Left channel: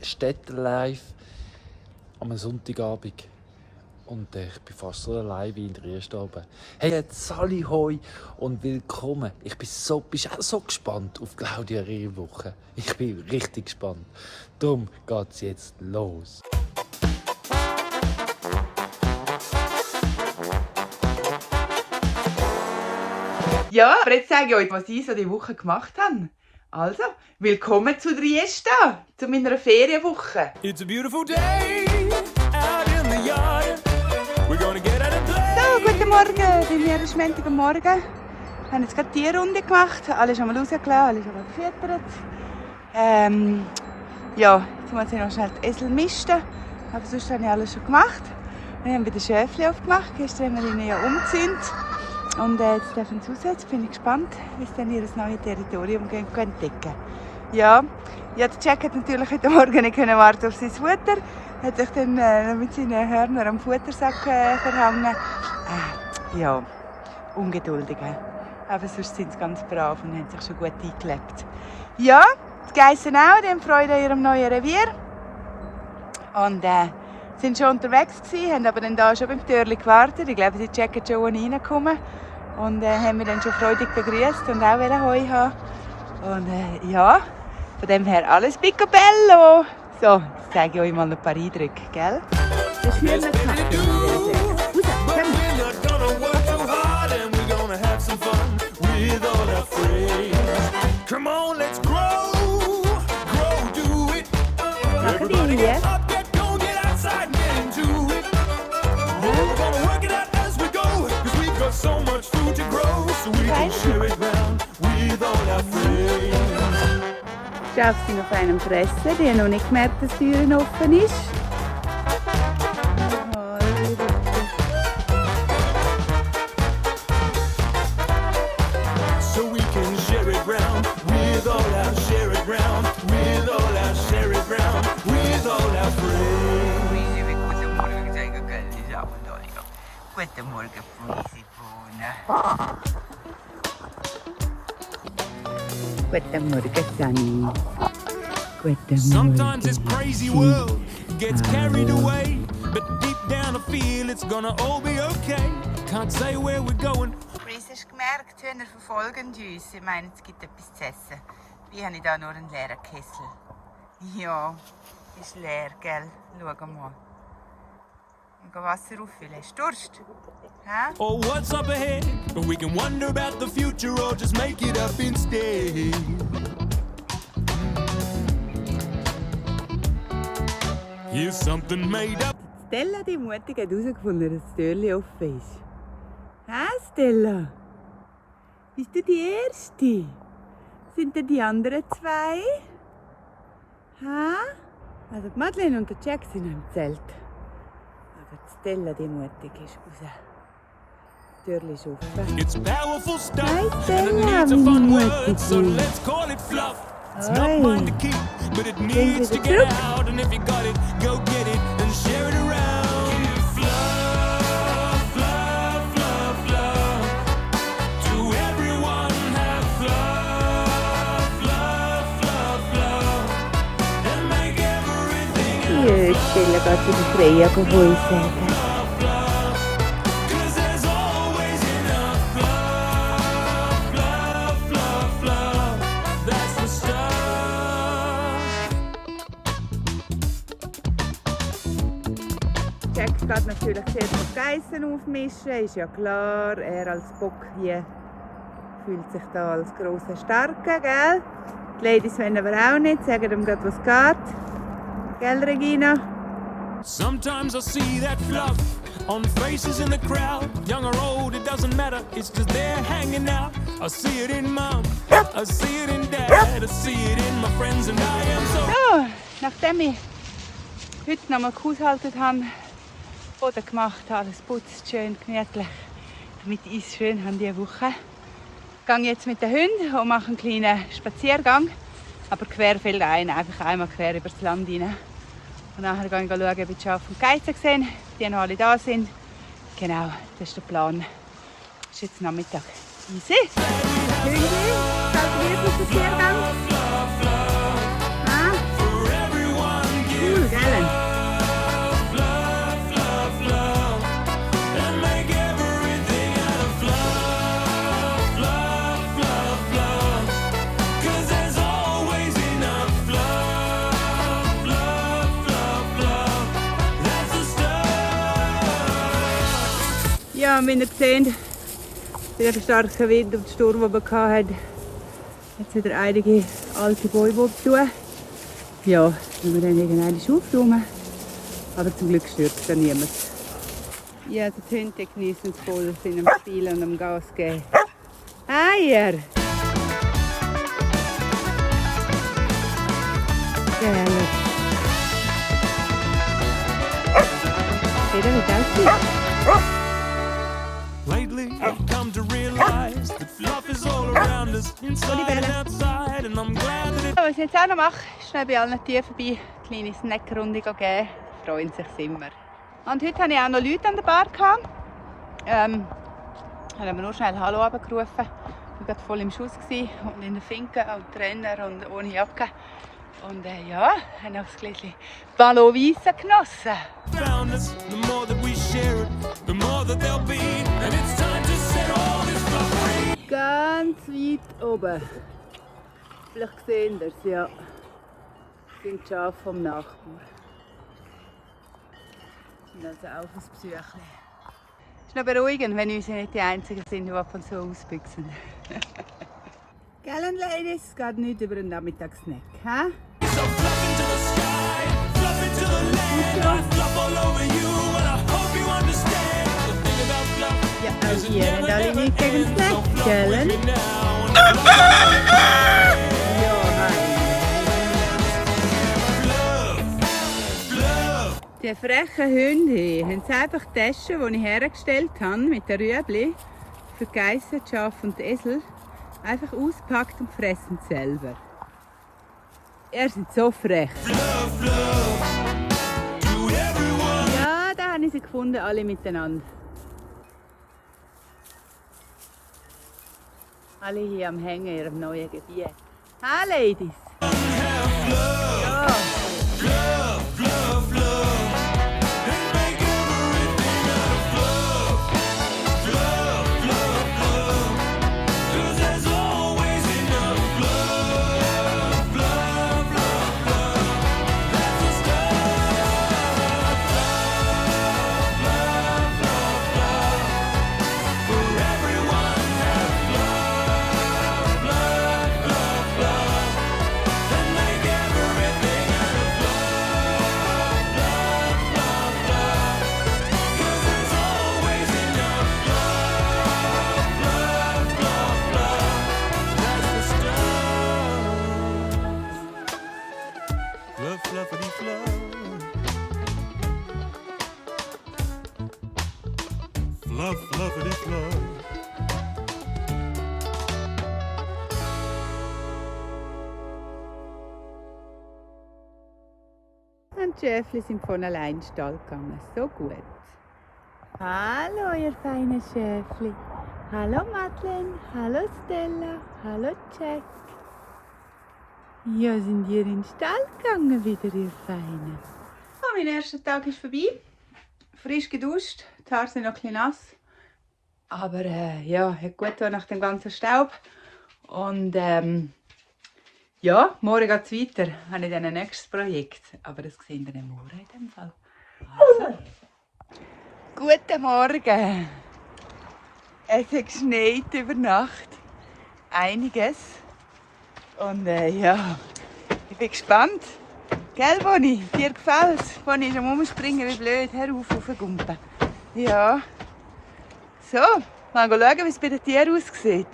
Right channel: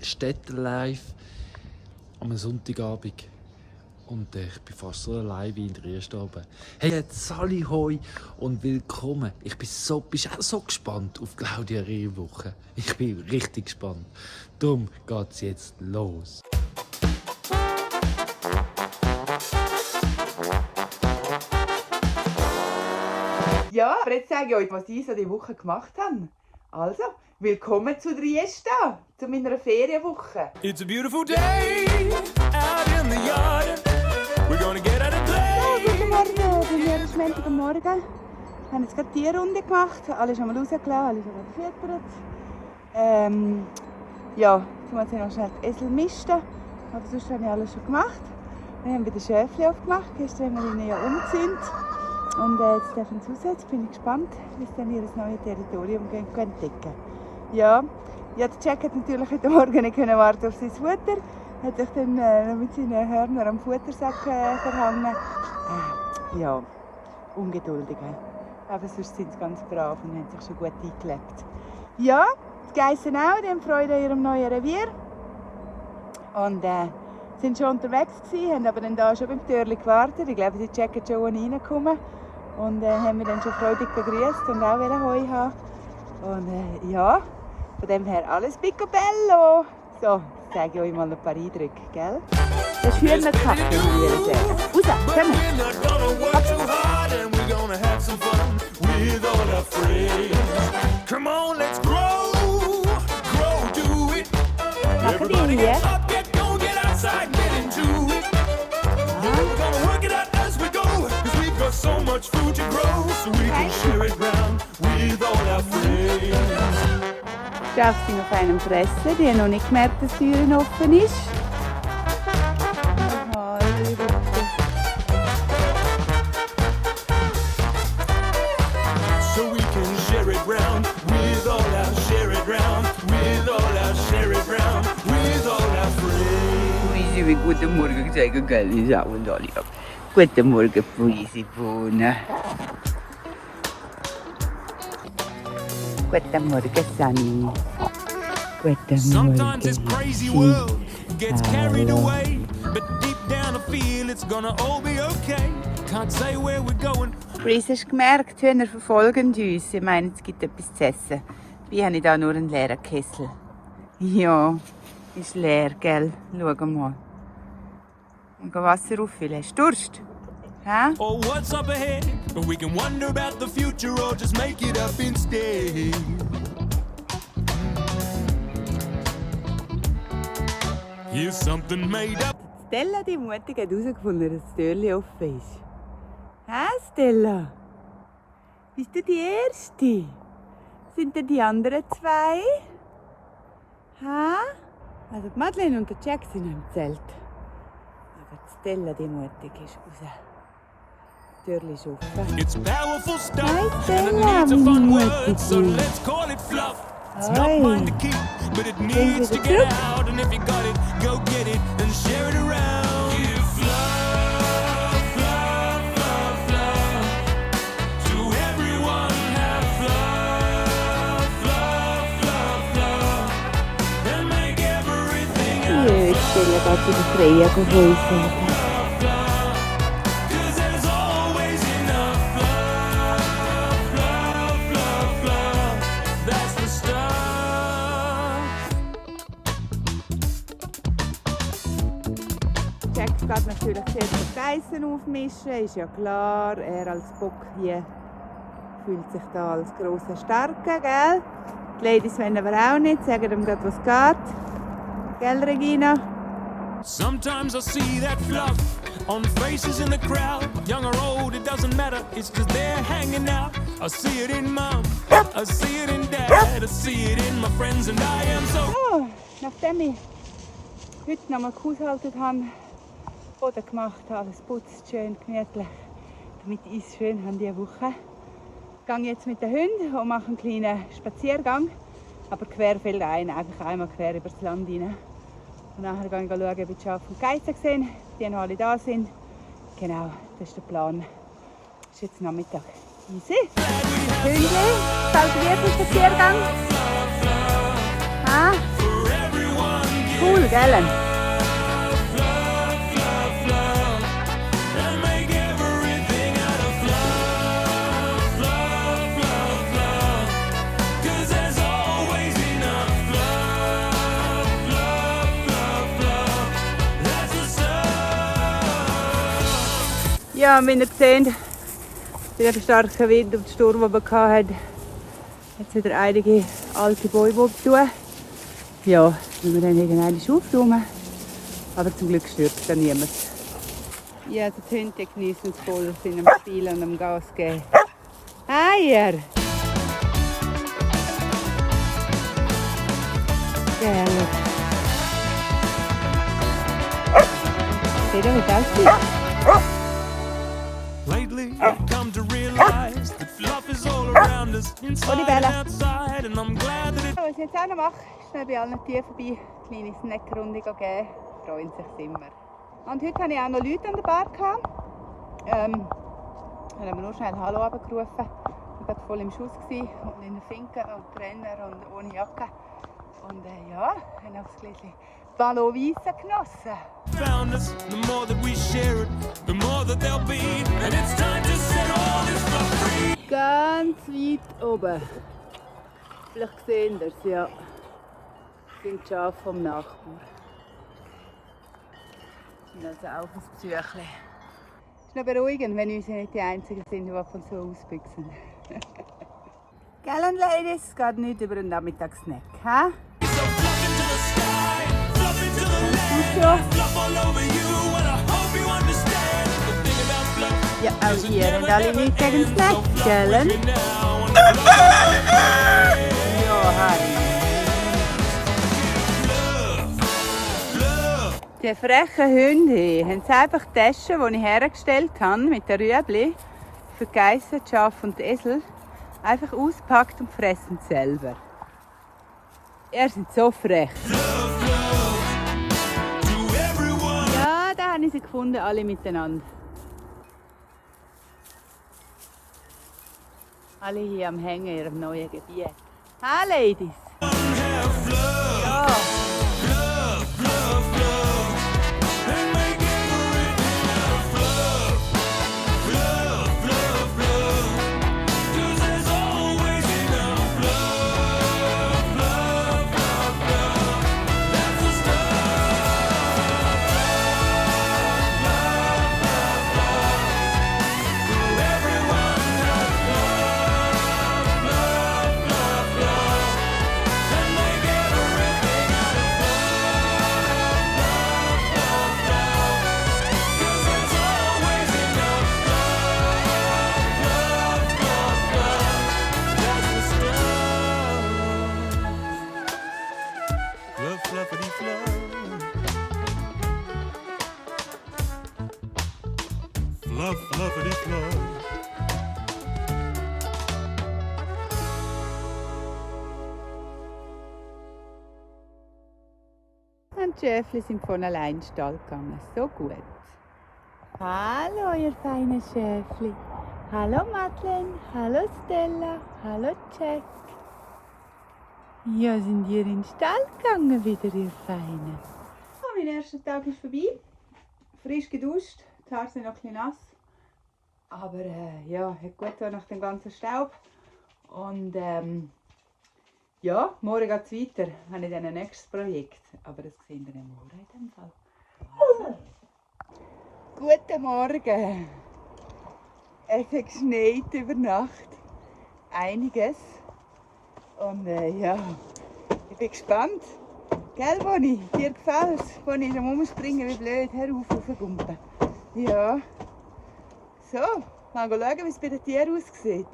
Städte-Live am Sonntagabend. Und ich bin fast so allein wie in der ersten oben. Hey, jetzt Sally Hoi und willkommen. Bist auch so gespannt auf Claudia Rehwoche. Ich bin richtig gespannt. Darum geht's jetzt los. Ja, aber jetzt sage ich euch, was ich so die Woche gemacht habe. Also, willkommen zu Trieste, zu meiner Ferienwoche. It's a beautiful day out in the yard. We're gonna get out and play. So, guten Morgen, hier ist Montagmorgen. Wir haben jetzt gerade die Tierrunde gemacht, alle schon mal rausgelassen, alle schon mal gefüttert. Ja, jetzt muss ich noch schnell die Esel misten, aber sonst habe ich alles schon gemacht. Wir haben wieder Schäfchen aufgemacht, gestern haben wir ihnen ja umgezündet. Und jetzt dürfen sie raus, jetzt bin ich gespannt, wie sie dann ihr neues Territorium entdecken. Ja, der Jack hat natürlich heute Morgen nicht warten auf sein Futter. Hat sich dann mit seinen Hörnern am Futtersack verhangen. Ja, ungeduldig. Aber sonst sind sie ganz brav und haben sich schon gut eingelebt. Ja, die Geissen auch, die haben Freude an ihrem neuen Revier. Und sind schon unterwegs gewesen, haben aber dann da schon beim Türli gewartet. Ich glaube, die Jack hat schon reingekommen. Und haben mich dann schon freudig begrüßt und auch Heu haben. Und ja, von dem her alles picobello. So, jetzt zeige ich euch mal noch ein paar Eindrücke, gell? Das ist There's plenty to do, but we're not gonna work too hard and we're gonna have some fun with all our friends. Come on, let's grow, do it. Everybody get up, get outside, get into it. We're gonna work it out as we go, 'cause we've got so much food to grow, so we can share it round with all our friends. Schafft sie auf einem Fressen, die haben noch nicht gemerkt, dass die Türe offen ist. So we can share it round with all our share it round with all our share it round with all our friends. Guten Morgen sagen, gell? Ich sage uns alle ab. Guten Morgen, Polisi Bohne. Guten Morgen, Sunny. Guten Morgen. Sometimes this crazy world gets carried away, but deep down I feel it's gonna all be okay. Can't say where we're going. Chris, hast du gemerkt, die Hühner verfolgen uns. Ich meine, es gibt etwas zu essen. Wie habe ich da nur einen leeren Kessel? Ja, ist leer, gell? Schau mal. Und geh Wasser auffüllen. Hast du Durst? Hä? Or what's up ahead? We can wonder about the future or just make it up instead. Here's something made up. Stella, die Mutige, hat herausgefunden, dass das Türchen offen ist. Hä, Stella? Bist du die Erste? Sind denn die anderen zwei? Hä? Also die Madeleine und der Jack sind im Zelt. Aber die Stella, die Mutige, ist raus. Das Türchen ist offen. It's powerful stuff Hi, and it Stella, needs a wie fun mutig word, so du. let's call it fluff. It's Hi. not mine to keep, but it needs to get out. And if you got it, go get it and share it around. Give fluff, fluff, fluff, fluff to everyone. Have fluff, fluff, fluff, fluff and make everything out. Ja, Stella geht zu der Freya geholfen. 'Cause there's always enough fluff, fluff, fluff, fluff. That's the stuff. Jack geht natürlich zuerst die Geissen aufmischen, ist ja klar. Er als Bock hier fühlt sich da als grosser Starker, gell? Die Ladies wollen aber auch nicht, sagen ihm gerade, was geht. Gell, Regina? Sometimes I see that fluff on faces in the crowd. Young or old, it doesn't matter. It's just they're hanging out. I see it in mom, I see it in dad, I see it in my friends, and I am so. So, nachdem ich heute noch mal gehaushaltet habe, Boden gemacht habe, alles putzt, schön gemütlich, damit ich es schön habe diese Woche, gehe ich jetzt mit den Hunden und mache einen kleinen Spaziergang, aber querfeld ein, einfach einmal quer über das Land rein. Und nachher gehe ich schauen, ob ich die Schafe und Geissen sehe, ob die noch alle da sind. Genau, das ist der Plan. Das ist jetzt Nachmittag. Easy. Hunde, falls wir auf den Spaziergang. Ah. For everyone cool, gell? love, love, love, and make everything out of love, love, love, love, 'cause there's always enough love, love, love, love, that's the stuff. Ja, und wie ihr seht, bei dem starken Wind und Sturm, den wir hatten, jetzt wieder einige alte Bäume tun. Ja, wenn wir dann irgendwann aufräumen. Aber zum Glück stört es dann niemand. Ja, die Hunde genießen es voll, sind am Spielen und am Gas geben. Eier! Geil. Seht ihr, wie das ist? Lately, I've come to realize that love is all around us, inside and outside, and I'm glad that it. Was ich jetzt auch noch mache, ist schnell bei allen Tieren vorbei, eine kleine Snackrunde geben. Freuen sich immer. Und heute hatte ich auch noch Leute an der Bar. Haben wir nur schnell Hallo runtergerufen. Ich war gerade voll im Schuss und in der Finke und Trainer und ohne Jacke. Und ja, haben auch ein Gläschen Ballon Weisse genossen. Found us, the more that we share it, the more that there'll be, and it's time to set all this stuff free. Ganz weit oben. Vielleicht sehen ihr es, ja. Das sind die Schafe vom Nachbarn. Und also auch ein Besuchchen. Es ist noch beruhigend, wenn wir nicht die Einzigen sind, die von so ausbüchsen. Gell, Ladies, es geht nicht über einen Nachmittagssnack, hä? So fluff into the sky, fluff into the land, I fluff all over you, and I hope you understand. The thing about fluff Ja, is auch it hier never, haben alle never nichts gegen ends. So Snack, fluff gell? with me now, and fluff love. Die frechen Hunde haben sie einfach Taschen, die ich hergestellt habe, mit den Rüebli, für die Geissen, die Schafe und die Esel, einfach auspackt und fressen selber. Ihr seid so frech. Ja, da habe ich sie gefunden, alle miteinander. Alle hier am Hängen in ihrem neuen Gebiet. Hi, Ladies! Ja. Fluffity fluff. Fluff, fluffity fluff. Und die Schäfli sind von allein in den Stall gegangen. So gut. Hallo, ihr feinen Schäfli. Hallo, Madeleine. Hallo, Stella. Hallo, Jack. Ja, sind ihr in den Stall gegangen wieder, ihr Feinen? Oh, mein erster Tag ist vorbei. Frisch geduscht. Die Haare sind noch ein bisschen nass. Aber ja, hat gut getan nach dem ganzen Staub. Und ja, morgen geht es weiter. Ich habe dann ein nächstes Projekt. Aber das sehen wir morgen in dem Fall. Also. Guten Morgen. Es hat geschneit über Nacht. Einiges. Und ja, ich bin gespannt. Gell, Bonnie? Dir gefällt es? Bonnie ist am Umspringen wie blöd. Hör auf Gumpen. Ja. So, mal schauen, wie es bei den Tieren aussieht.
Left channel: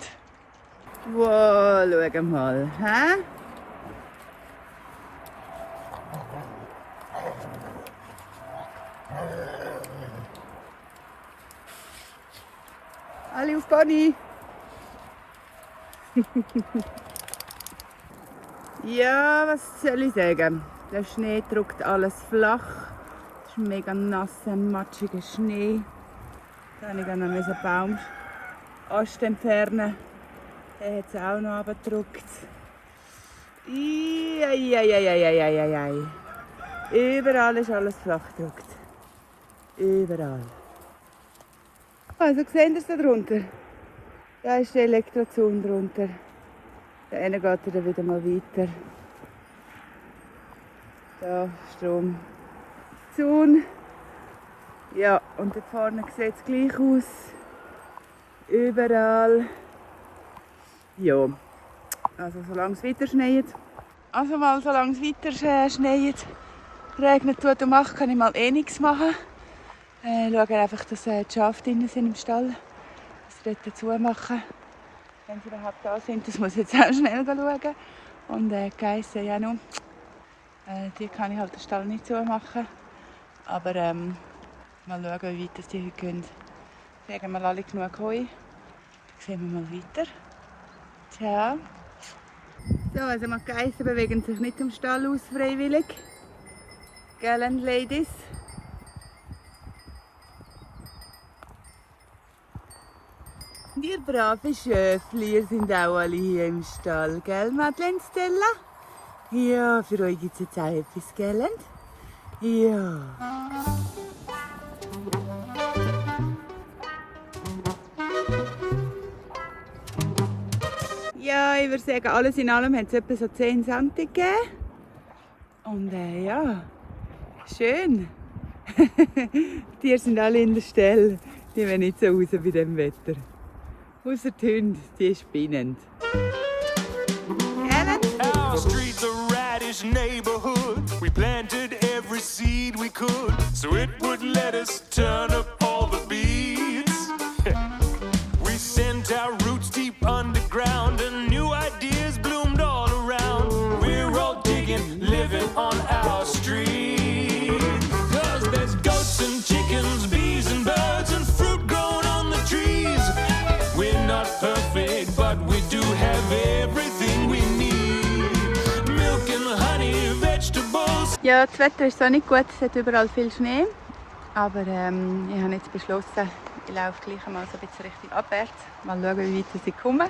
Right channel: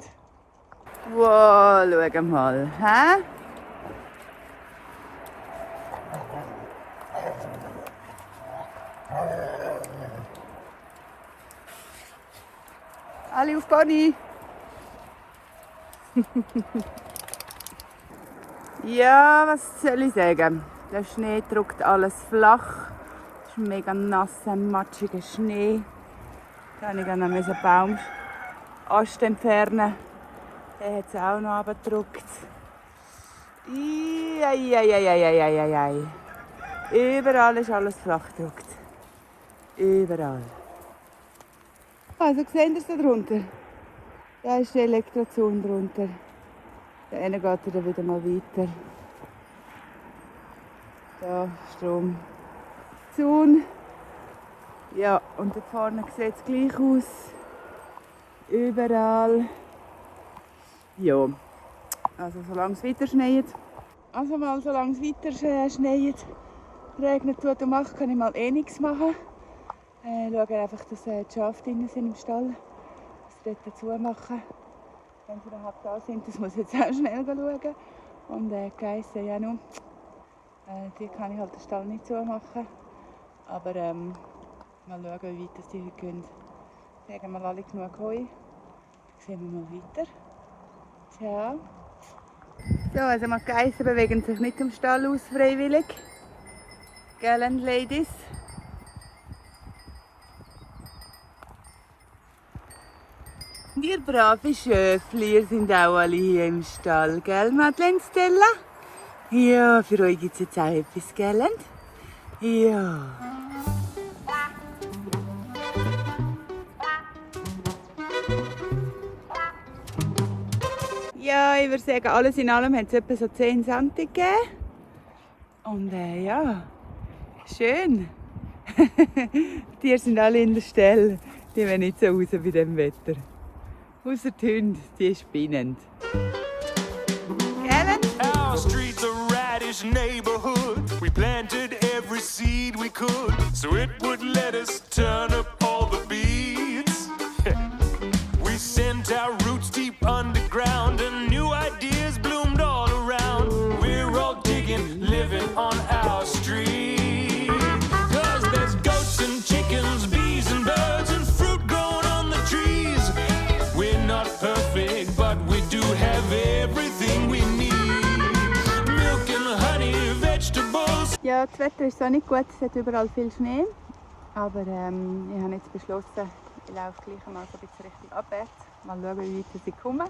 Wow, schau mal. Hä? Alle auf Bonnie. Ja, was soll ich sagen? Der Schnee drückt alles flach. Es ist mega nasser, matschiger Schnee. Dann musste ich dann einen Baumast entfernen. Der hat es auch noch runtergedrückt. Ei. Überall ist alles flach gedruckt. Überall. Also seht ihr es da drunter? Da ist der Elektrozaun drunter. Da hinten geht er dann wieder mal weiter. Da Stromzaun. Ja, und da vorne sieht es gleich aus. Überall. Ja, also solange es weiter schneit. Also mal solange es weiter schneit, regnet tut und macht, kann ich mal eh nichts machen. Schaue einfach, dass die Schafe drinnen sind im Stall. Dass sie dort dazu machen. Wenn sie überhaupt da sind, das muss ich jetzt auch schnell schauen. Und die Geissen ja noch. Die kann ich halt den Stall nicht zumachen. Aber mal schauen, wie weit die heute gehen. Kriegen wir alle genug Heu. Dann sehen wir mal weiter. Ciao. So, also die Geissen bewegen sich nicht im Stall aus freiwillig. Gell, Ladies? Ihr brave Schöfli, ihr sind auch alle hier im Stall, gell, Madeleine, Stella? Ja, für euch gibt es jetzt auch etwas, gell? Ja. Ja, ich würde sagen, alles in allem hat es etwa so 10 cm gegeben. Und ja, schön. Die Tiere sind alle in der Stelle. Die wollen nicht so raus bei diesem Wetter. Ausser die Hunde, die spinnen. Our street's a radish neighborhood. We planted every seed we could, so it would let us turn up all the beats. We sent our roots deep underground, and new ideas bloomed all around. We're all digging, living on our street. 'Cause there's goats and chickens, bees and birds, and fruit growing on the trees. We're not perfect, but we do have everything we need. Milk and honey, vegetables. Ja, das Wetter ist so nicht gut, es hat überall viel Schnee. Aber ich habe jetzt beschlossen, ich laufe gleich mal so ein bisschen Richtung abwärts. Mal schauen, wie weit ich komme.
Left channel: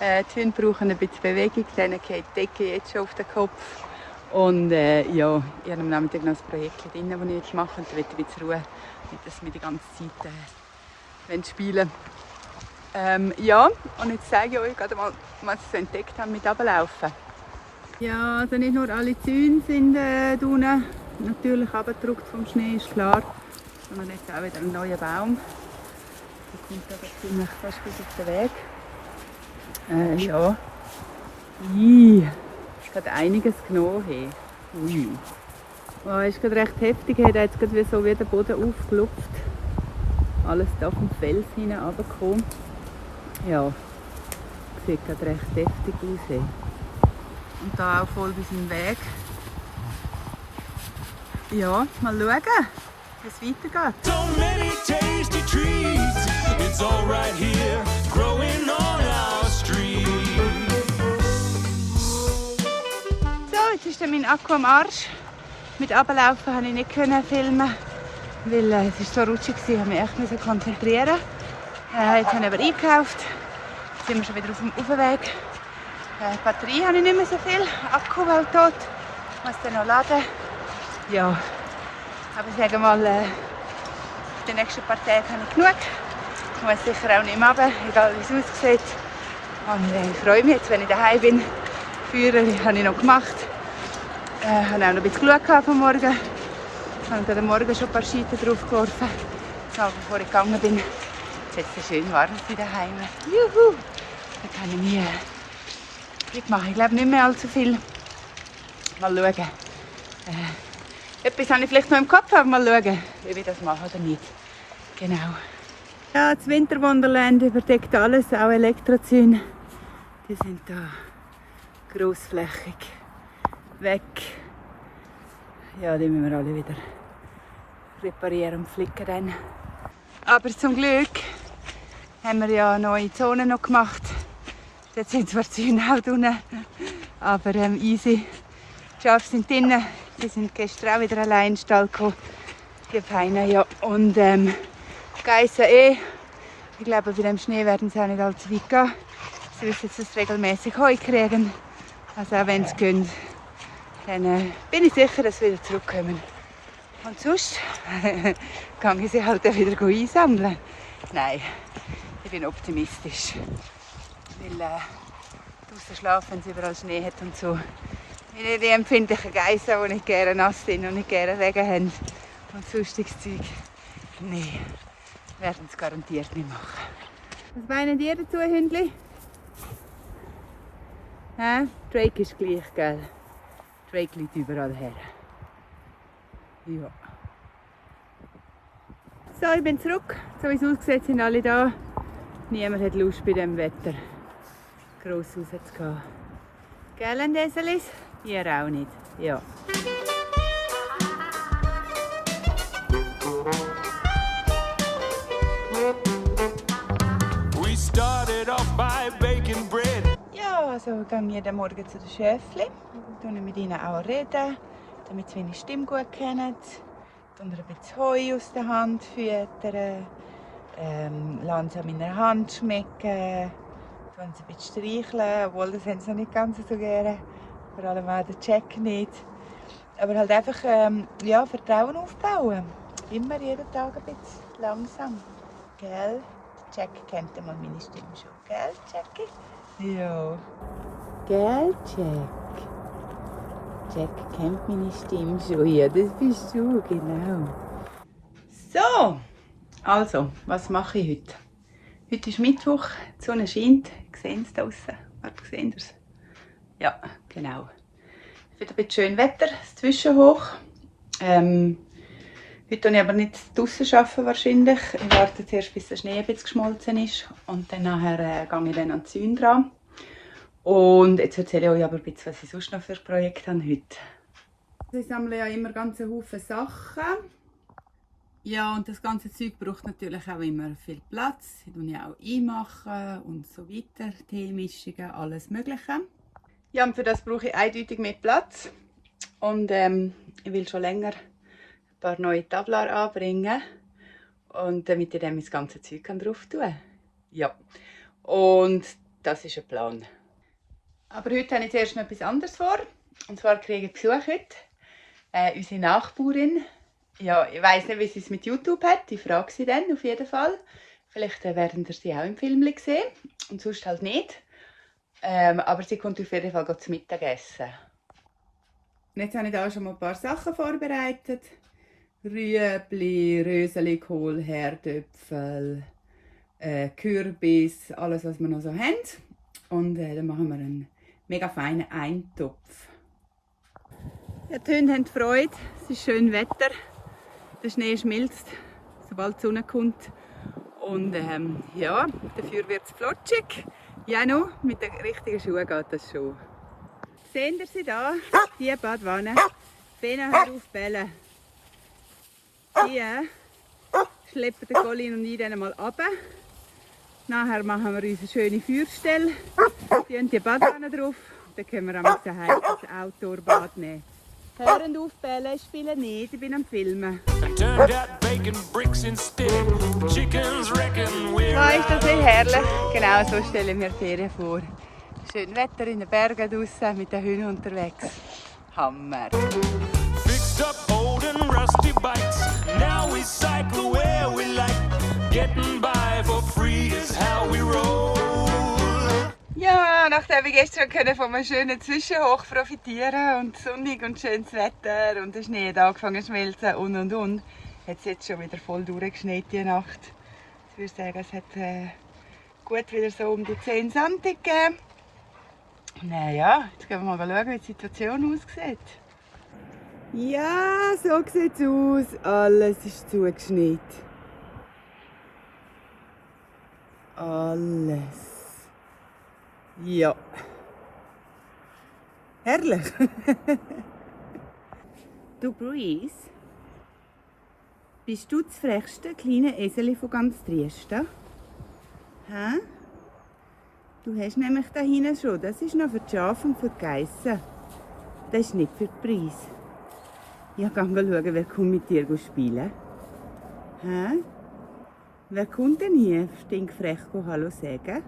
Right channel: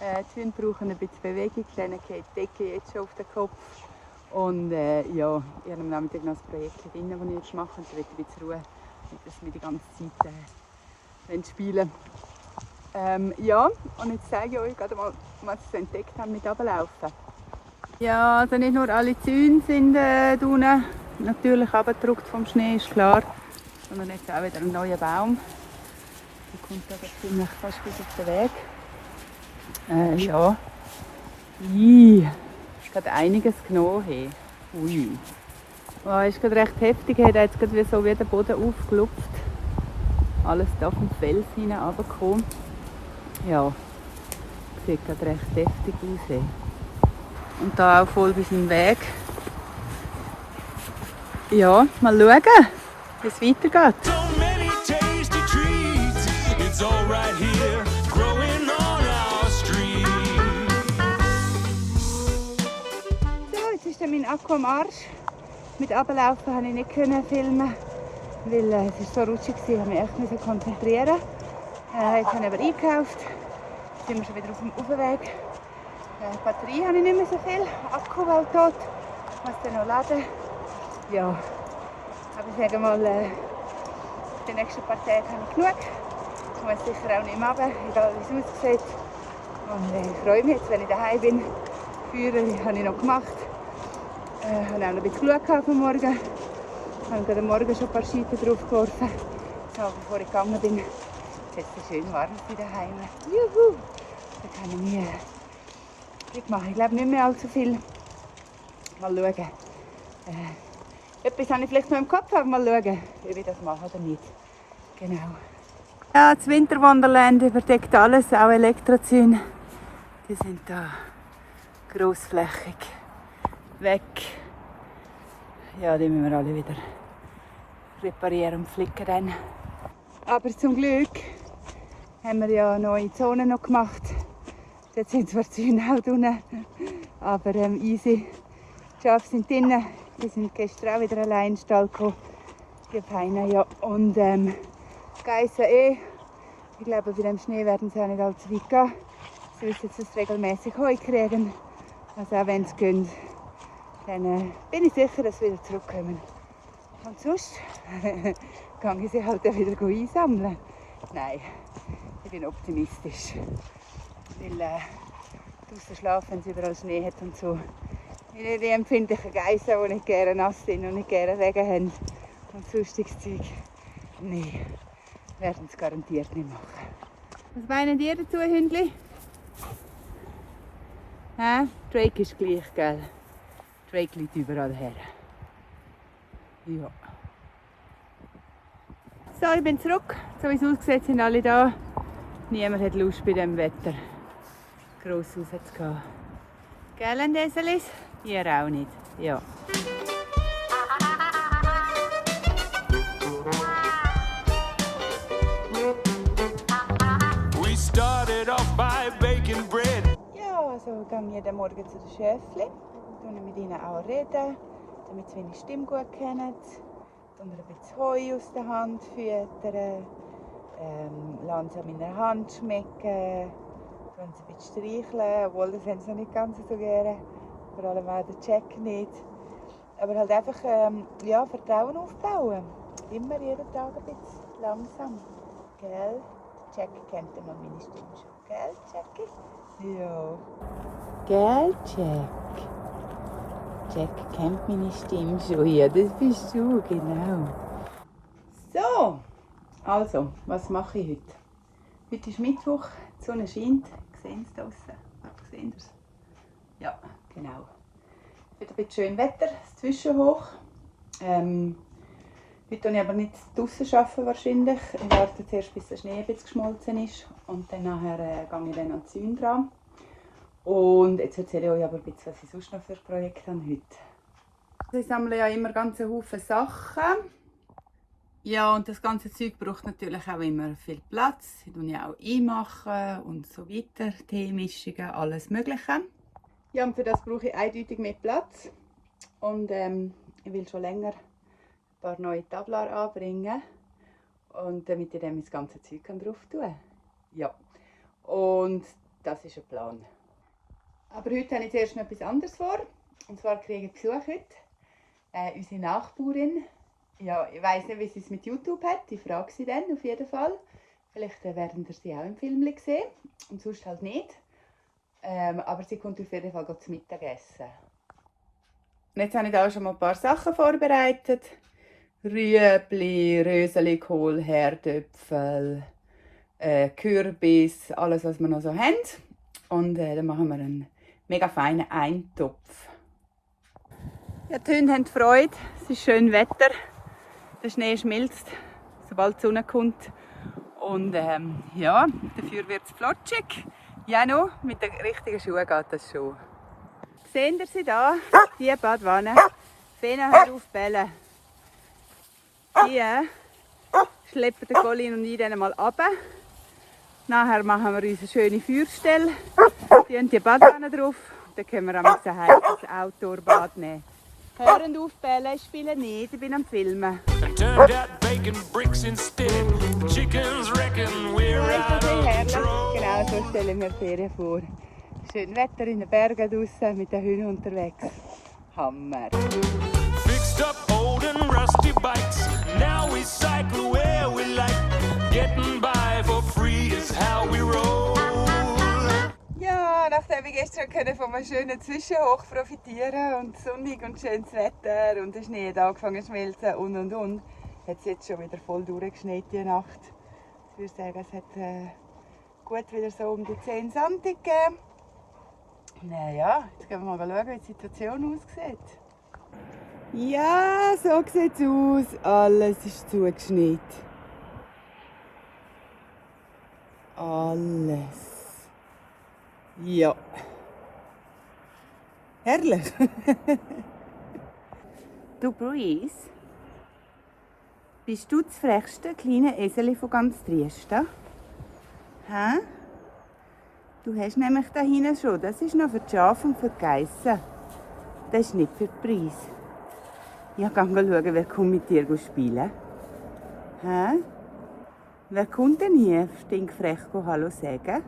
Die Hunde brauchen ein bisschen Bewegung, denen geht die Decke jetzt schon auf den Kopf. Und ja, ich habe am Nachmittag noch ein Projekt drin, das ich jetzt mache. Und da will ich ein bisschen Ruhe, nicht dass wir die ganze Zeit spielen. Ja, und jetzt zeige ich euch gerade mal, was ich so entdeckt habe mit Runterlaufen. Ja, also nicht nur alle Zäune sind unten natürlich abgedruckt vom Schnee, ist klar. Sondern jetzt auch wieder ein neuer Baum. Der kommt aber ziemlich fast bis auf den Weg. Ja. Es hat einiges genommen. Hey. Ui. Oh, ist gerade recht heftig. Er hat jetzt gerade so wie der Boden aufgelupft. Alles da vom Fels hinein runtergekommen. Ja, sieht gerade recht heftig aus. Hey. Und da auch voll bis zum Weg. Ja, mal schauen, wie es weitergeht. So many tasty treats. It's all right here, growing on our street. So, jetzt ist dann mein Akku am Arsch. Mit Runterlaufen konnte ich nicht filmen, weil es war so rutschig war, ich musste mich echt konzentrieren. Jetzt habe ich aber eingekauft. Jetzt sind wir schon wieder auf dem Aufweg. Die Batterie habe ich nicht mehr so viel. Akku war tot. Ich muss den noch laden. Ja, aber ich sage mal, die nächsten paar Tage habe ich genug. Ich muss sicher auch nicht mehr runter, egal wie es aussieht. Und ich freue mich jetzt, wenn ich daheim bin. Führer habe ich noch gemacht. Ich habe auch noch ein bisschen geschaut von morgen. Ich habe heute Morgen schon ein paar Scheite drauf geworfen, bevor ich gegangen bin. Jetzt ist es schön warm daheim. Juhu! Da kann ich mich mitmachen. Ich glaube nicht mehr allzu viel. Mal schauen. Etwas habe ich vielleicht noch im Kopf, aber mal schauen, ob ich das mache oder nicht. Genau. Ja, das Winterwonderland überdeckt alles, auch Elektrozäune. Die sind da grossflächig weg. Ja, die müssen wir alle wieder reparieren und flicken dann. Aber zum Glück haben wir ja neue Zonen noch gemacht. Dort sind zwar die Zäune auch drin, aber easy. Die Schafe sind drinnen. Die sind gestern auch wieder allein in den Stall gekommen. Die Feinen, ja. Und Geissen ich glaube, bei dem Schnee werden sie auch nicht allzu weit gehen. Sie wissen jetzt, dass sie regelmäßig Heu kriegen. Also auch wenn sie gehen, dann bin ich sicher, dass sie wieder zurückkommen. Und sonst kann ich sie halt wieder einsammeln. Nein, ich bin optimistisch. Weil draußen schlafen, wenn es überall Schnee hat und so. Die empfindlichen Geissen, die nicht gerne nass sind und nicht gerne Regen haben und sonstiges Zeug. Nein, werden es garantiert nicht machen. Was meinen ihr dazu, Hündli? Drake ist gleich, gell? Drake liegt überall her. Ja. So, ich bin zurück. So wie es aussieht, sind alle da. Niemand hat Lust bei diesem Wetter gross rauszugehen. Gell, Endeselis? Ihr auch nicht. Ja. We started off by baking bread. Ja, also gehe ich jeden Morgen zu den Schäfchen. Ich mit ihnen auch reden, damit sie meine Stimme gut kennen. Ein bisschen Heu aus der Hand füttern. Lassen sie an meiner Hand schmecken. Sie ein bisschen streicheln, obwohl das haben sie noch nicht ganz so gerne. Vor allem auch der Jack nicht. Aber halt einfach ja, Vertrauen aufbauen. Immer jeden Tag ein bisschen langsam. Gell? Jack kennt einmal meine Stimme schon. Gell, Jackie? Ja. Gell, Jack? Jack kennt meine Stimme schon. Ja, das bist du, genau. So, also, was mache ich heute? Heute ist Mittwoch, die Sonne scheint. Ich sehe es draußen. Warte, seht ihr es? Ja, genau. Es wird ein bisschen schön Wetter, das Zwischenhoch. Heute arbeite ich aber nicht draußen wahrscheinlich. Ich warte zuerst, bis der Schnee ein bisschen geschmolzen ist. Und dann nachher gehe ich dann an die Zäune dran. Und jetzt erzähle ich euch aber ein bisschen, was ich sonst noch für ein Projekt habe heute. Ich sammle ja immer ganz Haufen Sachen. Ja, und das ganze Zeug braucht natürlich auch immer viel Platz. Ich mache ja auch einmachen und so weiter. Teemischungen, alles Mögliche. Ja, und für das brauche ich eindeutig mehr Platz. Und ich will schon länger ein paar neue Tablar anbringen. Und damit ich dann das ganze Zeug drauf tun kann. Ja, und das ist ein Plan. Aber heute habe ich zuerst noch etwas anderes vor. Und zwar kriege ich Besuch heute. Unsere Nachbarin. Ja, ich weiss nicht, wie sie es mit YouTube hat. Ich frage sie dann auf jeden Fall. Vielleicht werden ihr sie auch im Film sehen. Und sonst halt nicht. Aber sie kommt auf jeden Fall zum Mittagessen. Und jetzt habe ich da schon mal ein paar Sachen vorbereitet. Rüebli, Röselikohl, Herdöpfel, Kürbis, alles was wir noch so haben. Und dann machen wir einen mega feinen Eintopf. Ja, die Hunde haben Freude. Es ist schön Wetter. Der Schnee schmilzt, sobald die Sonne kommt. Und ja, dafür wird es flutschig. Ja, noch mit den richtigen Schuhen geht das schon. Sehen Sie sie da? Die Badwanne. Fena, hör auf bellen. Die schleppen den Colin und ich dann mal runter. Nachher machen wir uns eine schöne Feuerstelle. Die haben die Badwanne drauf. Dann können wir ein heißes Outdoor-Bad nehmen. Hören auf bellen, ich spiele nicht, ich bin am Filmen. Turned out bacon bricks instead. Chickens reckon we're Ah, ist das out nicht of herrlich? control. Genau so stelle ich mir Ferien vor. Schön Wetter in den Bergen draussen, mit den Hunden unterwegs. Hammer! Fixed up old and rusty bikes. Now we cycle where we like. Getting by for free is how we roll. Ja, nachdem wir gestern von einem schönen Zwischenhoch profitieren und sonnig und schönes Wetter und der Schnee hat angefangen zu schmelzen und, hat es jetzt schon wieder voll durchgeschneit die Nacht. Ich würde sagen, es hat gut wieder so um die 10 cm gegeben. Naja, jetzt gehen wir mal schauen, wie die Situation aussieht. Ja, so sieht es aus. Alles ist zugeschneit. Alles. Ja. Herrlich. Du Breeze, bist du das frechste kleine Eseli von ganz Trieste? Hä? Du hast nämlich da hinten schon, das ist noch für die Schafe und für die Geissen. Das ist nicht für die Preis. Ja, geh mal schauen, wer kommt mit dir spielen. Hä? Wer kommt denn hier stinkfrech Hallo sagen?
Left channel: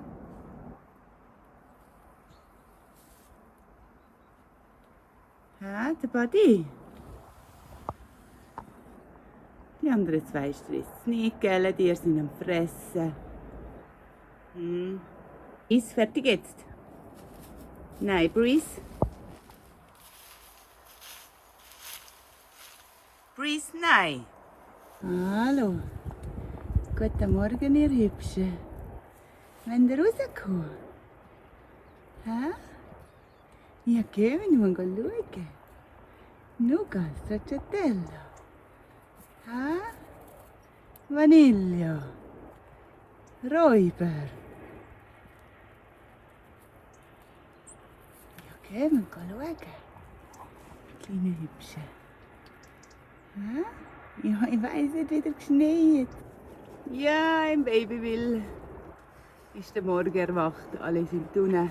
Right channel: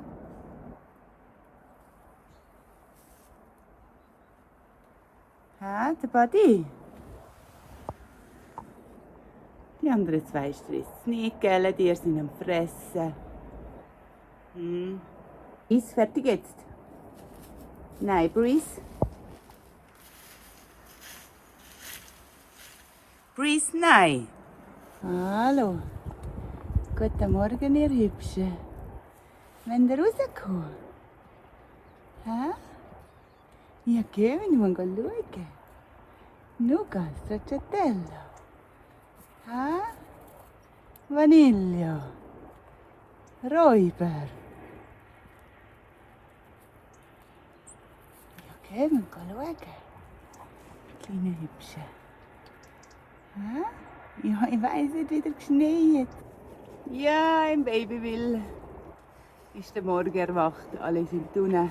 Hä? der Buddy. Die anderen zwei stresst es nicht, gell? Die sind am Fressen. Ist fertig jetzt? Nein, Breeze. Breeze, nein. Hallo. Guten Morgen, ihr Hübschen. Wenn ihr rauskommt? Hä? Ja, gehen wir mal schauen. Nougat, Stracciatella. Hä? Vanilla. Räuber. Ja, gehen wir schauen. Kleine Hübsche. Hä? Ja, ich weiss, es hat wieder geschneit. Ja, im Babyville ist der Morgen erwacht. Alle sind unten.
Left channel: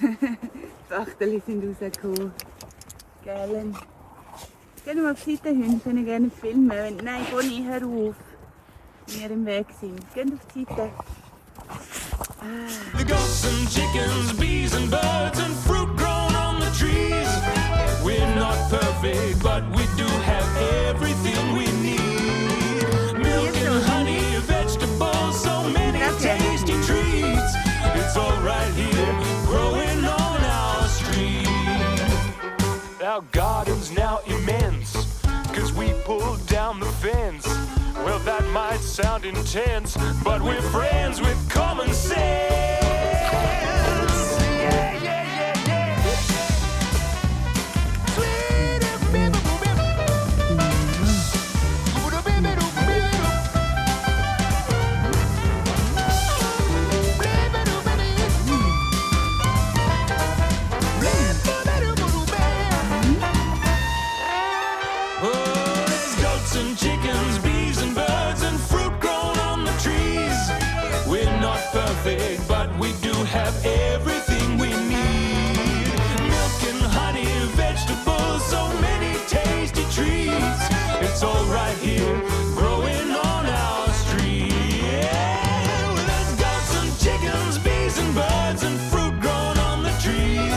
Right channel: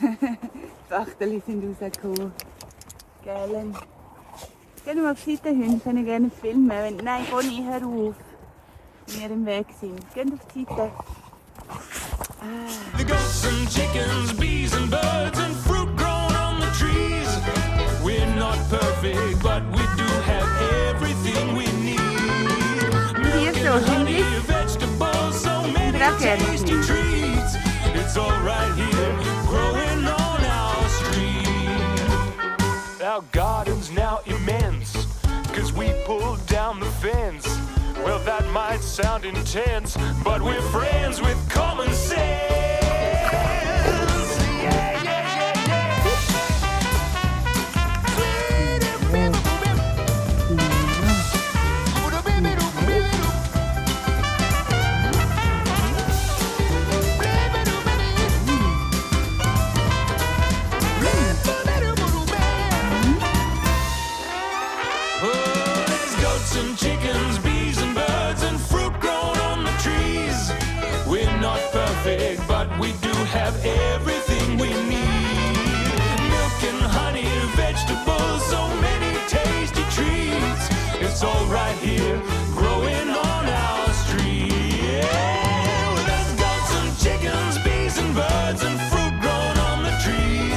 Die Wachtel sind rausgekommen. Gell? Gehen wir mal auf die Seite hin, können gerne filmen. Nein, Bonnie, hör auf. Wenn wir im Weg sind. Gehen auf die Seite. The goats and chickens, bees and birds and fruit grown on the trees. We're not perfect, but we do have everything we need. Milk and honey, vegetables, so many tasty treats. It's all right here, growing on our street. Our garden's now immense, 'cause we pulled down the fence. Well, that might sound intense, but we're friends with common sense. Yeah, yeah, yeah, yeah. Oh, there's goats and chickens, bees and birds and fruit grown on the trees. We're not perfect, but we do have everything we need. Milk and honey, vegetables, so many tasty treats. It's all right here, growing on our street. Yeah, well, there's goats and chickens, bees and birds and fruit grown on the trees.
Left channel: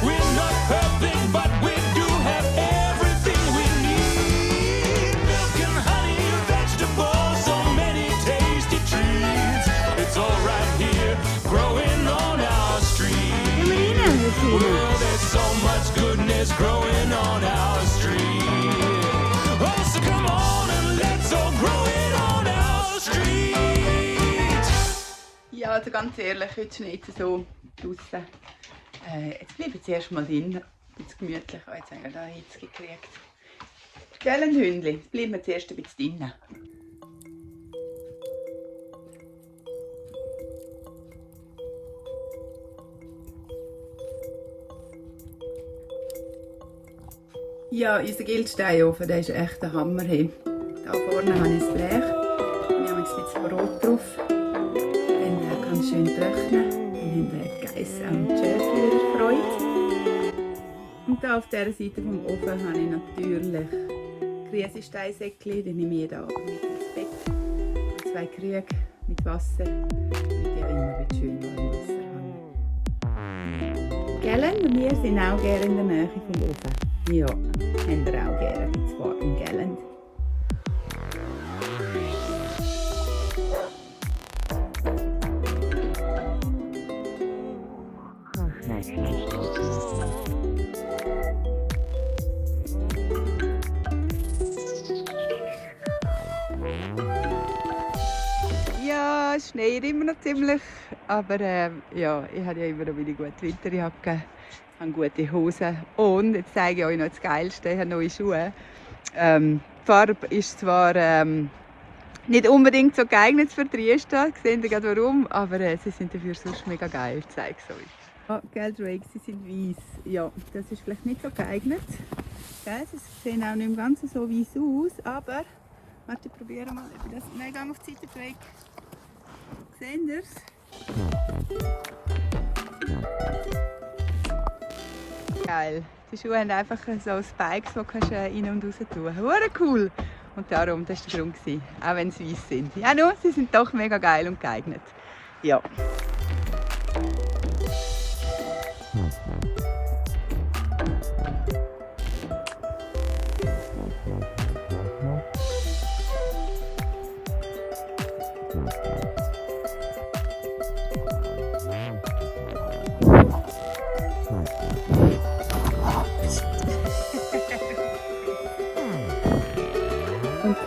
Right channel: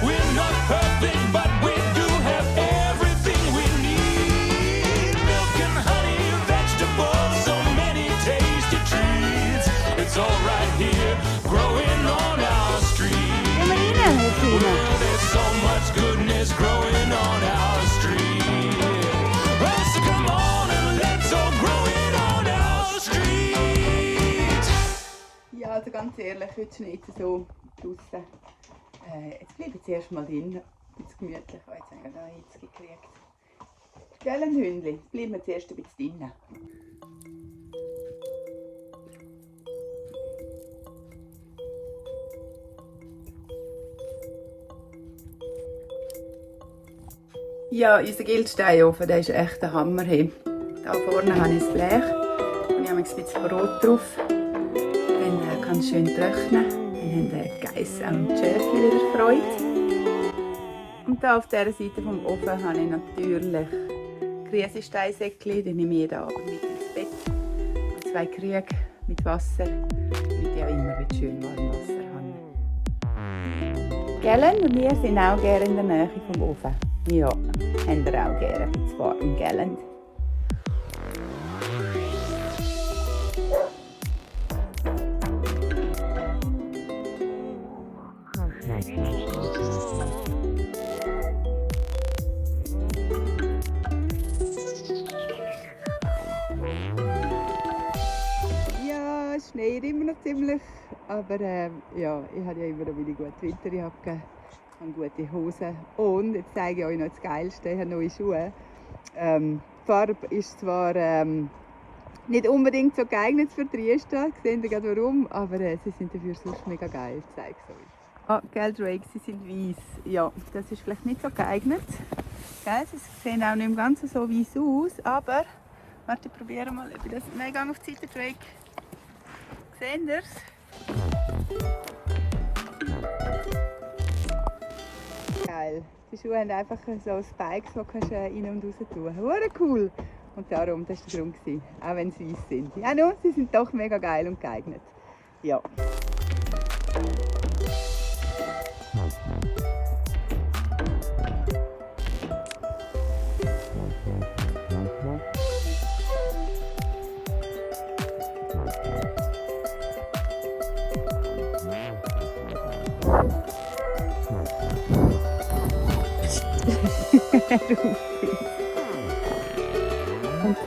We're not perfect, but we do have everything we need. Milk and honey, vegetables, so many tasty treats. It's all right here, growing on our street. Well, there's so much goodness growing on our street. Oh, so come on and let's all grow it on our street. Ja, also ganz ehrlich, heute schneit es so draußen. Jetzt bleiben wir zuerst mal drin. Ein bisschen gemütlich. Oh, jetzt haben wir da Hitze gekriegt. Gell, ein Hündchen? Jetzt bleiben wir zuerst ein bisschen drin. Ja, unser Gildsteinofen, der ist echt ein Hammer. Hier vorne habe ich ein Blech und ich habe ein bisschen Brot drauf. Dann kann es schön trocknen. Wir haben Geiss am Schäfchen wieder Freude. Und hier auf dieser Seite vom Ofen habe ich natürlich Kriesesteinsäckchen. Die nehme ich jeden Abend mit ins Bett. Und 2 Krüge mit Wasser, damit ich auch immer schön warmes Wasser habe. Gellen und wir sind auch gerne in der Nähe vom Ofen. Ja, haben wir auch gerne ein bisschen warm, gell? Ja, es schneit immer noch ziemlich, aber ja, ich habe ja immer noch meine gute Winterjacke. Ich habe gute Hosen und jetzt zeige ich euch noch das Geilste, ich habe neue Schuhe. Die Farbe ist zwar nicht unbedingt so geeignet für Trieste, seht ihr gerade warum, aber sie sind dafür sonst mega geil, ich zeige es euch. Ah, gell Drake, sie sind weiss. Ja, das ist vielleicht nicht so geeignet. Gell, sie sehen auch nicht im Ganzen so weiss aus, aber warte, ich probiere mal, ob ich das... Nein, gang auf die Seite, Drake. Seht ihr es? Geil. Die Schuhe haben einfach so Spikes, die kannst du rein und raus tun. Hure cool! Und darum, das war der Grund, auch wenn sie weiss sind. Ja, nur, sie sind doch mega geil und geeignet. Ja.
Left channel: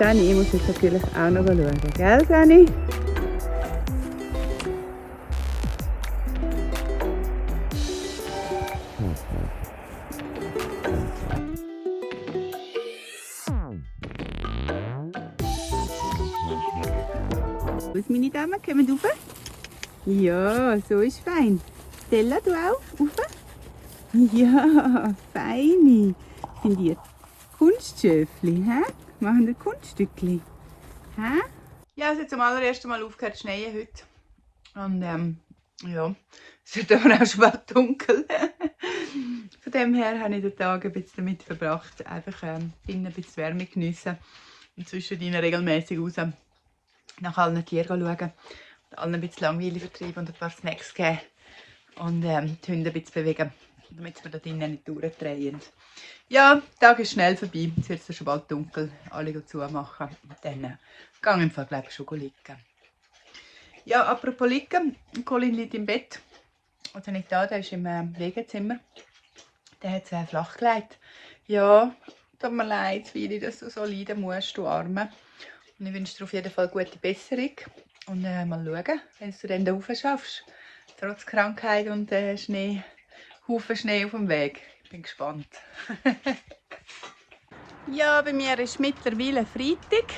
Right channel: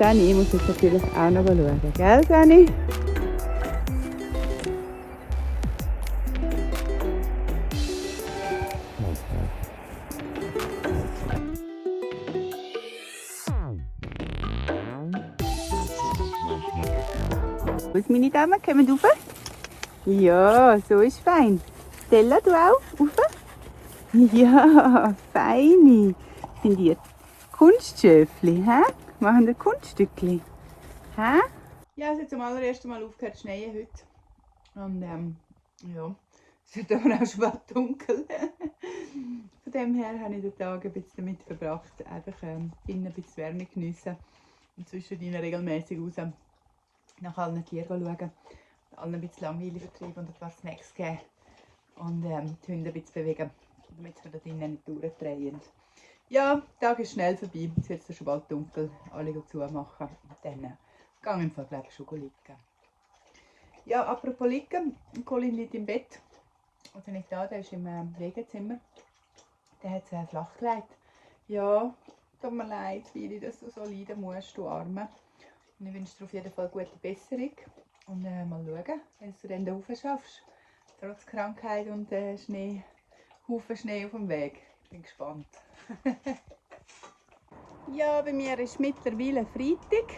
Sani muss jetzt natürlich auch noch schauen, gell Sani? Wo ist meine Dame? Kommen wir rauf? Ja, so ist fein. Stella, du auch? Rauf? Ja, feini. Sind die Kunstschöfli, hä? Machen wir Kunststückli, hä? Ja, es hat zum allerersten Mal aufgehört zu schneien heute. Und ja, es wird aber auch schon bald dunkel. Von dem her habe ich den Tag ein bisschen damit verbracht, einfach innen ein bisschen Wärme geniessen und zwischendrin regelmäßig raus nach allen Tieren schauen und allen ein bisschen Langweile vertreiben und ein paar Snacks geben und die Hunde ein bisschen bewegen, damit wir da drinnen nicht durchdrehen. Ja, der Tag ist schnell vorbei, jetzt wird es schon bald dunkel, alle zumachen und dann gehen wir im Fall, glaube ich, schon liegen. Ja, apropos liegen, Colin liegt im Bett, also nicht da, der ist im Liegezimmer, der hat es flach gelegt. Ja, tut mir leid, wie dass du so leiden musst, du Arme. Und ich wünsche dir auf jeden Fall gute Besserung. Und mal schauen, wenn du dann da rauf schaffst. Trotz Krankheit und Haufen Schnee auf dem Weg. Ich bin gespannt. Ja, bei mir ist mittlerweile Freitag.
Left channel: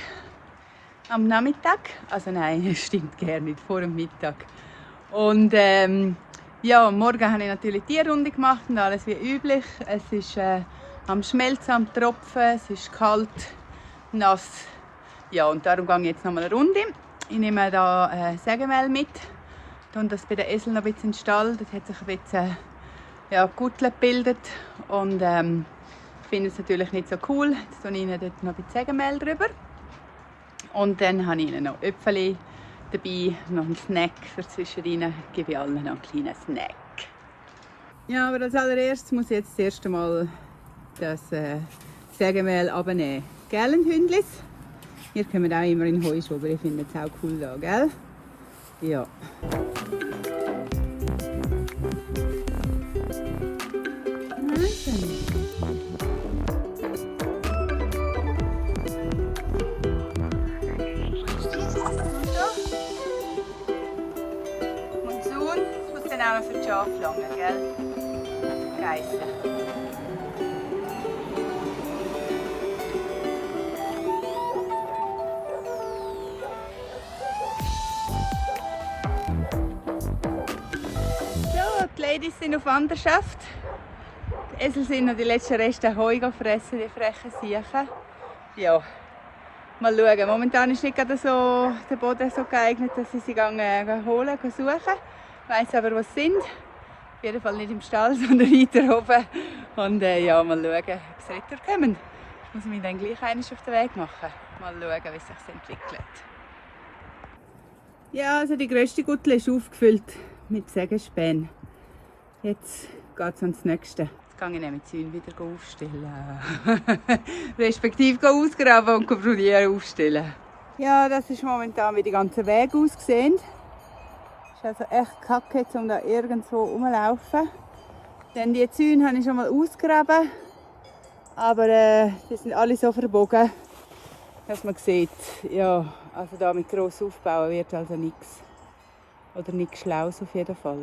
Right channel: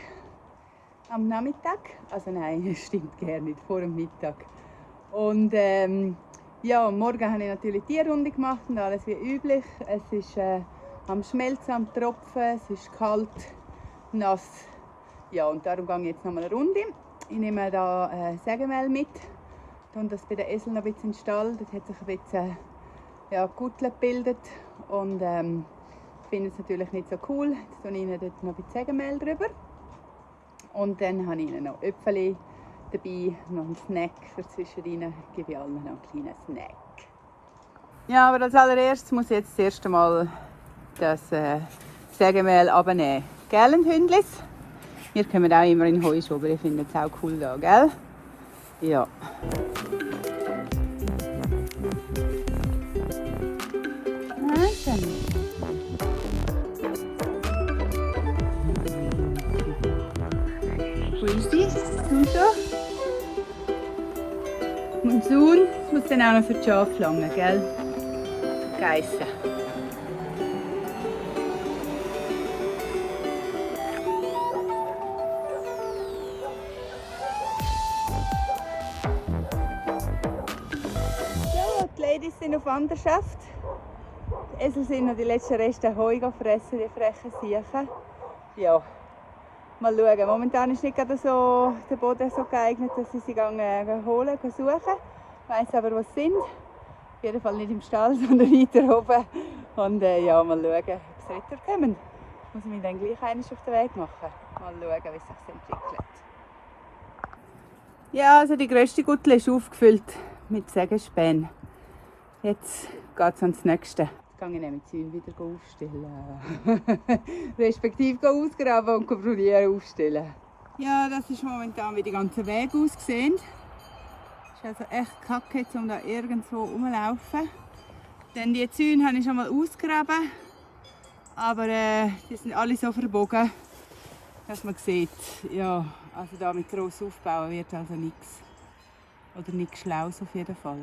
Am Nachmittag. Also nein, stimmt gar nicht, vor dem Mittag. Und ja, morgen habe ich natürlich die Tierrunde gemacht und alles wie üblich. Es ist am Schmelzen, am Tropfen, es ist kalt, nass. Ja, und darum gehe ich jetzt noch mal eine Runde. Ich nehme da Sägemehl mit. Und das bei den Eseln noch ein bisschen in den Stall. Das hat sich ein bisschen Guttel gebildet. Und ich finde es natürlich nicht so cool. Jetzt tue ich ihnen dort noch ein bisschen Sägemehl drüber. Und dann habe ich ihnen noch Äpfel dabei, noch einen Snack für zwischendrin. Gebe ich allen noch einen kleinen Snack. Ja, aber als allererstes muss ich jetzt das erste Mal das Sägemehl abnehmen. Gell, Hündlis? Wir kommen auch immer in Heuschober, ich finde es auch cool da, gell? Ja. Wo ist sie? Tunto? Monsun muss dann auch noch für die Schafe langen, gell? Geissen. Die Ladies sind auf Wanderschaft. Die Esel sind noch die letzten Reste Heu gefressen, die frechen Siechen. Ja, mal schauen. Momentan ist nicht gerade so der Boden so geeignet, dass sie sie holen, suchen. Ich weiss aber, was sie sind. Auf jeden Fall nicht im Stall, sondern weiter oben. Und ja, mal schauen, ob sie retourkommen. Ich muss mich dann gleich einmal auf den Weg machen. Mal schauen, wie es sich entwickelt. Ja, also die grösste Guttel ist aufgefüllt mit Sägespänen. Jetzt geht es ans Nächste. Jetzt gehe ich nämlich die Zäune wieder aufstellen. Respektive ausgraben und probieren aufstellen. Ja, das ist momentan, wie die ganze Weg aussehen. Es ist also echt kacke, jetzt, um da irgendwo rumzulaufen. Denn die Zäune habe ich schon mal ausgegraben. Aber die sind alle so verbogen, dass man sieht, ja, also da mit gross aufbauen wird also nichts. Oder nichts Schlaues auf jeden Fall.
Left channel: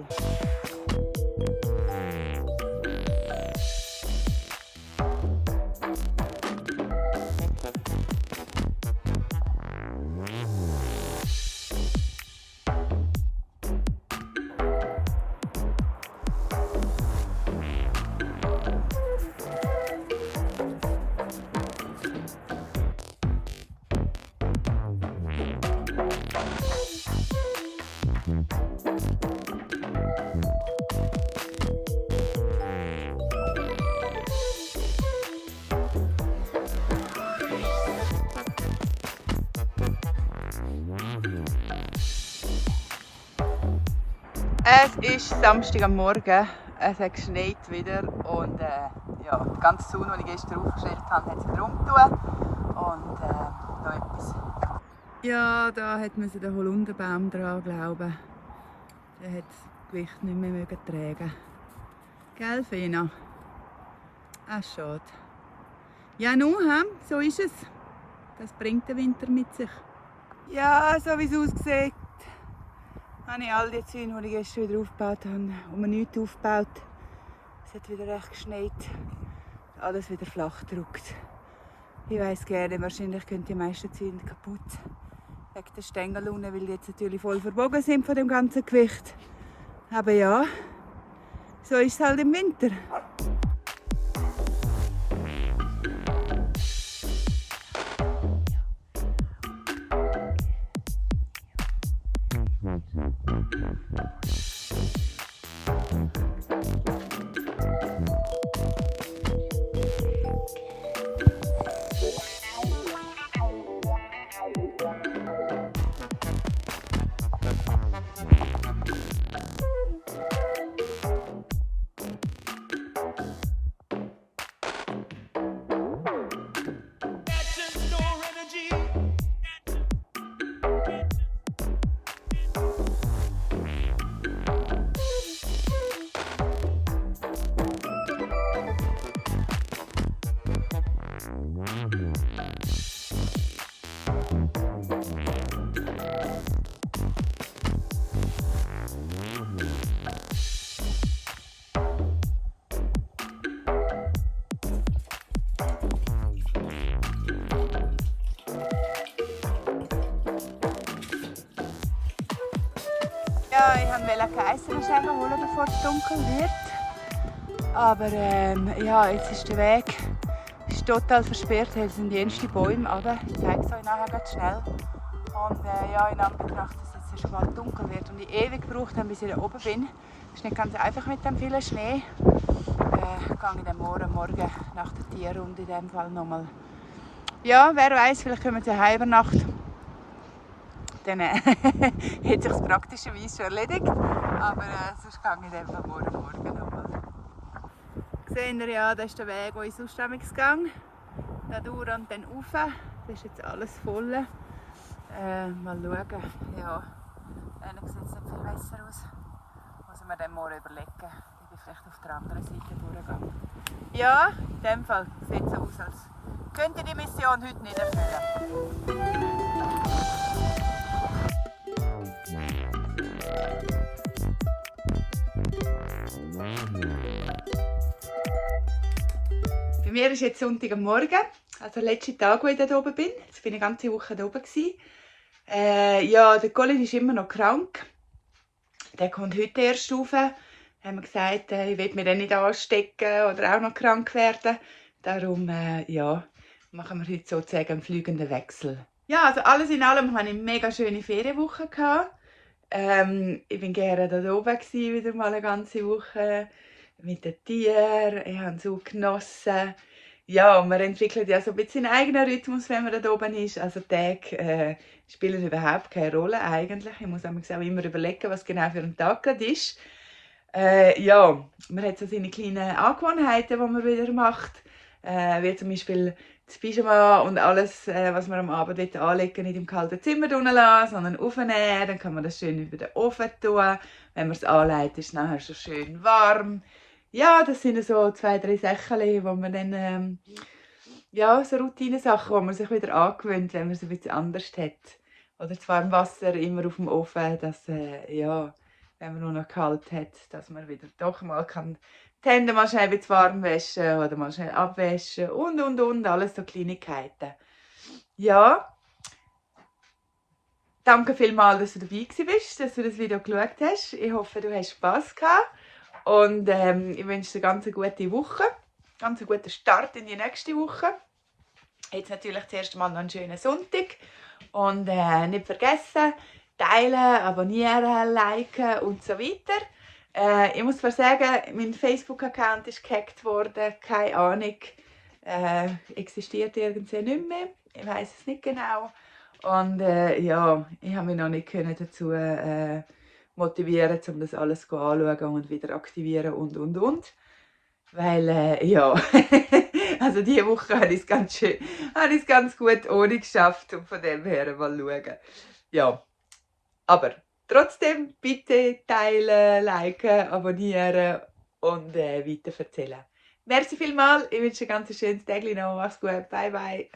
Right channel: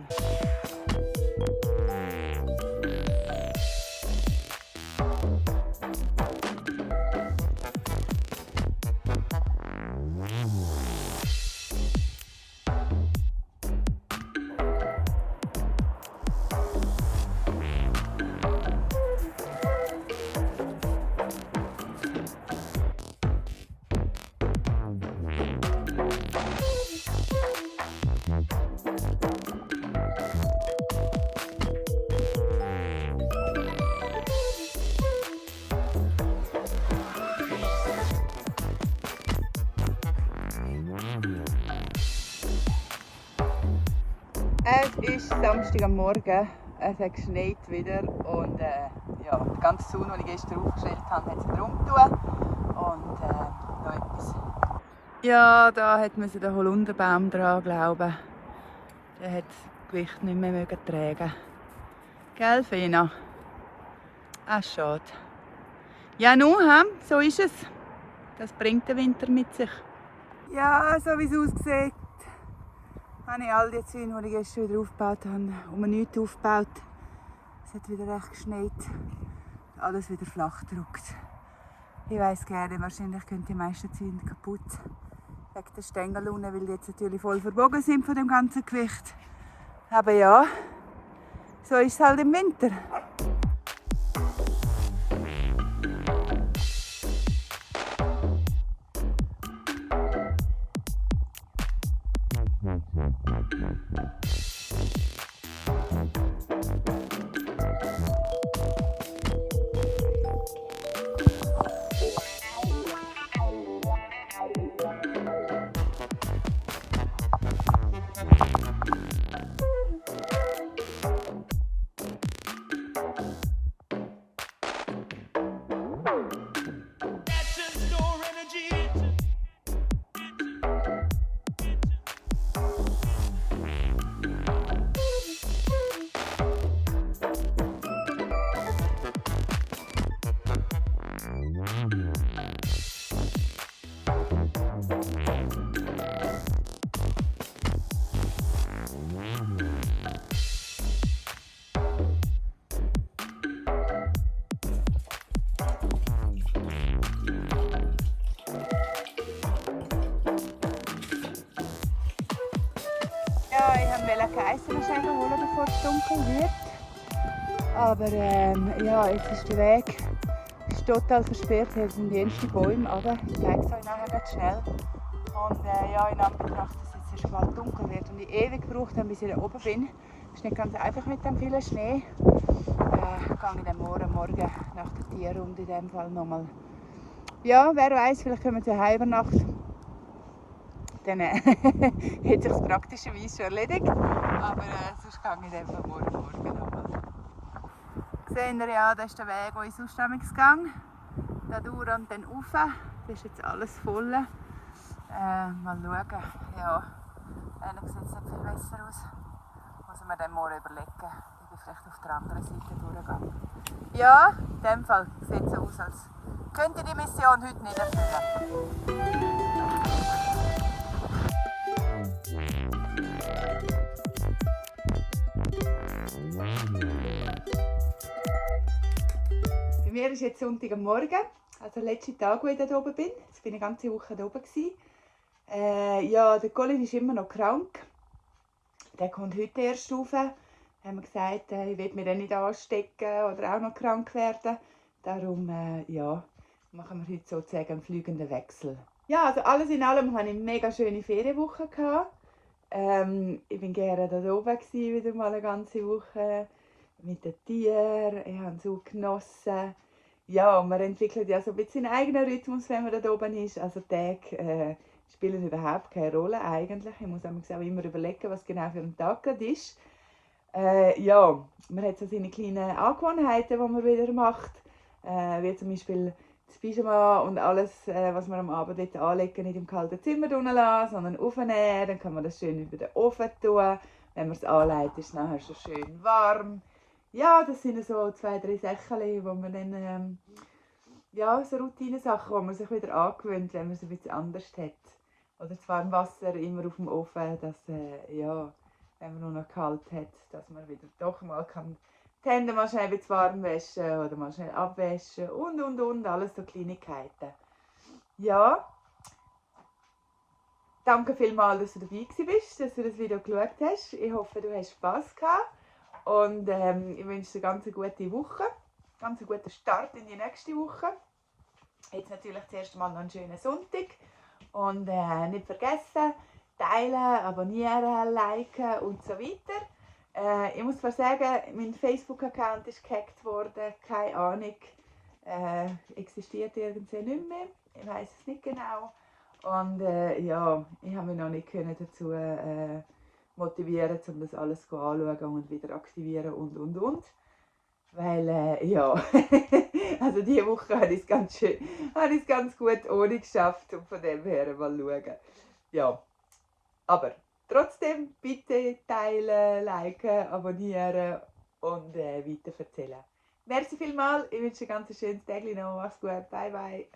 Es ist Samstag am Morgen, es hat geschneit wieder und ja, der ganze Zaun, den ich gestern aufgestellt habe, hat sich wieder umgetan. Und da etwas. Ja, da hat man den Holunderbaum dran, glauben. Der hat das Gewicht nicht mehr tragen. Gell, Fina? Ah, schade. Ja, nun, so ist es. Das bringt der Winter mit sich. Ja, so wie es aussieht, habe ich all die Zäune, die ich gestern wieder aufgebaut habe, um nichts aufgebaut. Es hat wieder recht geschneit. Alles wieder flach gedruckt. Ich weiss gerne, wahrscheinlich gehen die meisten Zäune kaputt. Wegen der Stängel unten, weil die jetzt natürlich voll verbogen sind von dem ganzen Gewicht. Aber ja, so ist es halt im Winter. Ja, ich wollte keine Eisenschäden holen, bevor es dunkel wird. Aber ja, jetzt ist der Weg total versperrt. Hier sind die ersten Bäume, aber ich zeige es euch nachher ganz schnell. Und ja, in Anbetracht, dass es jetzt bald dunkel wird und ich ewig gebraucht habe, bis ich da oben bin, ist nicht ganz einfach mit dem vielen Schnee. Gehe ich dann morgen nach der Tierrunde in dem Fall nochmal. Ja, wer weiß, vielleicht können wir zur Heimnacht. Dann hat sich das praktischerweise schon erledigt. Aber sonst gehe ich dann morgen nochmal. Seht ihr ja, das ist der Weg, den ich sonst gegangen bin. Da durch und dann rauf. Das ist jetzt alles voll. Mal schauen. Ja, eigentlich sieht es nicht viel besser aus. Muss ich mir dann morgen überlegen. Ich bin vielleicht auf der anderen Seite durchgehen. Ja, in dem Fall sieht es so aus, als könnte ich die Mission heute nicht erfüllen. Bei mir ist jetzt Sonntagmorgen, also der letzte Tag, wo ich da oben bin. Jetzt bin ich eine ganze Woche da oben. Ja, der Colin ist immer noch krank. Der kommt heute erst rauf. Haben wir gesagt, ich will mich dann nicht anstecken oder auch noch krank werden. Darum ja, machen wir heute sozusagen einen fliegenden Wechsel. Ja, also alles in allem hatte ich eine mega schöne Ferienwoche. Ich bin gerne da oben wieder mal eine ganze Woche mit den Tieren. Ich habe es so genossen. Ja, man entwickelt ja so ein bisschen einen eigenen Rhythmus, wenn man da oben ist. Also die Tage spielen überhaupt keine Rolle eigentlich. Ich muss auch immer überlegen, was genau für ein Tag gerade ist. Ja, man hat so seine kleinen Angewohnheiten, die man wieder macht. Wie zum Beispiel das Pyjama und alles, was man am Abend anlegen, nicht im kalten Zimmer lassen, sondern aufnehmen. Dann kann man das schön über den Ofen tun. Wenn man es anlegt, ist es nachher so schön warm. Ja, das sind so 2, 3 Sachen, wo man dann, ja, so Routine-Sachen, wo man sich wieder angewöhnt, wenn man es ein bisschen anders hat. Oder das warme Wasser immer auf dem Ofen, dass, ja, wenn man nur noch kalt hat, dass man wieder doch mal kann die Hände mal schnell warm waschen oder mal schnell abwaschen und, alles so Kleinigkeiten. Ja, danke vielmals, dass du dabei bist, dass du das Video geschaut hast. Ich hoffe, du hast Spass gehabt. Und ich wünsche dir eine ganz gute Woche, ganz einen guten Start in die nächste Woche. Jetzt natürlich zuerst mal noch einen schönen Sonntag. Und nicht vergessen, teilen, abonnieren, liken und so weiter. Ich muss zwar sagen, mein Facebook-Account ist gehackt worden, keine Ahnung, existiert irgendwie nicht mehr, ich weiß es nicht genau. Und ja, ich habe mich noch nicht dazu motivieren, um das alles anzuschauen und wieder aktivieren und. Weil, ja, also diese Woche habe ich es ganz gut ohne geschafft und von dem her mal schauen. Ja, aber trotzdem bitte teilen, liken, abonnieren und weiter erzählen. Merci vielmals, ich wünsche ein ganz schönes Tag noch, mach's gut, bye bye.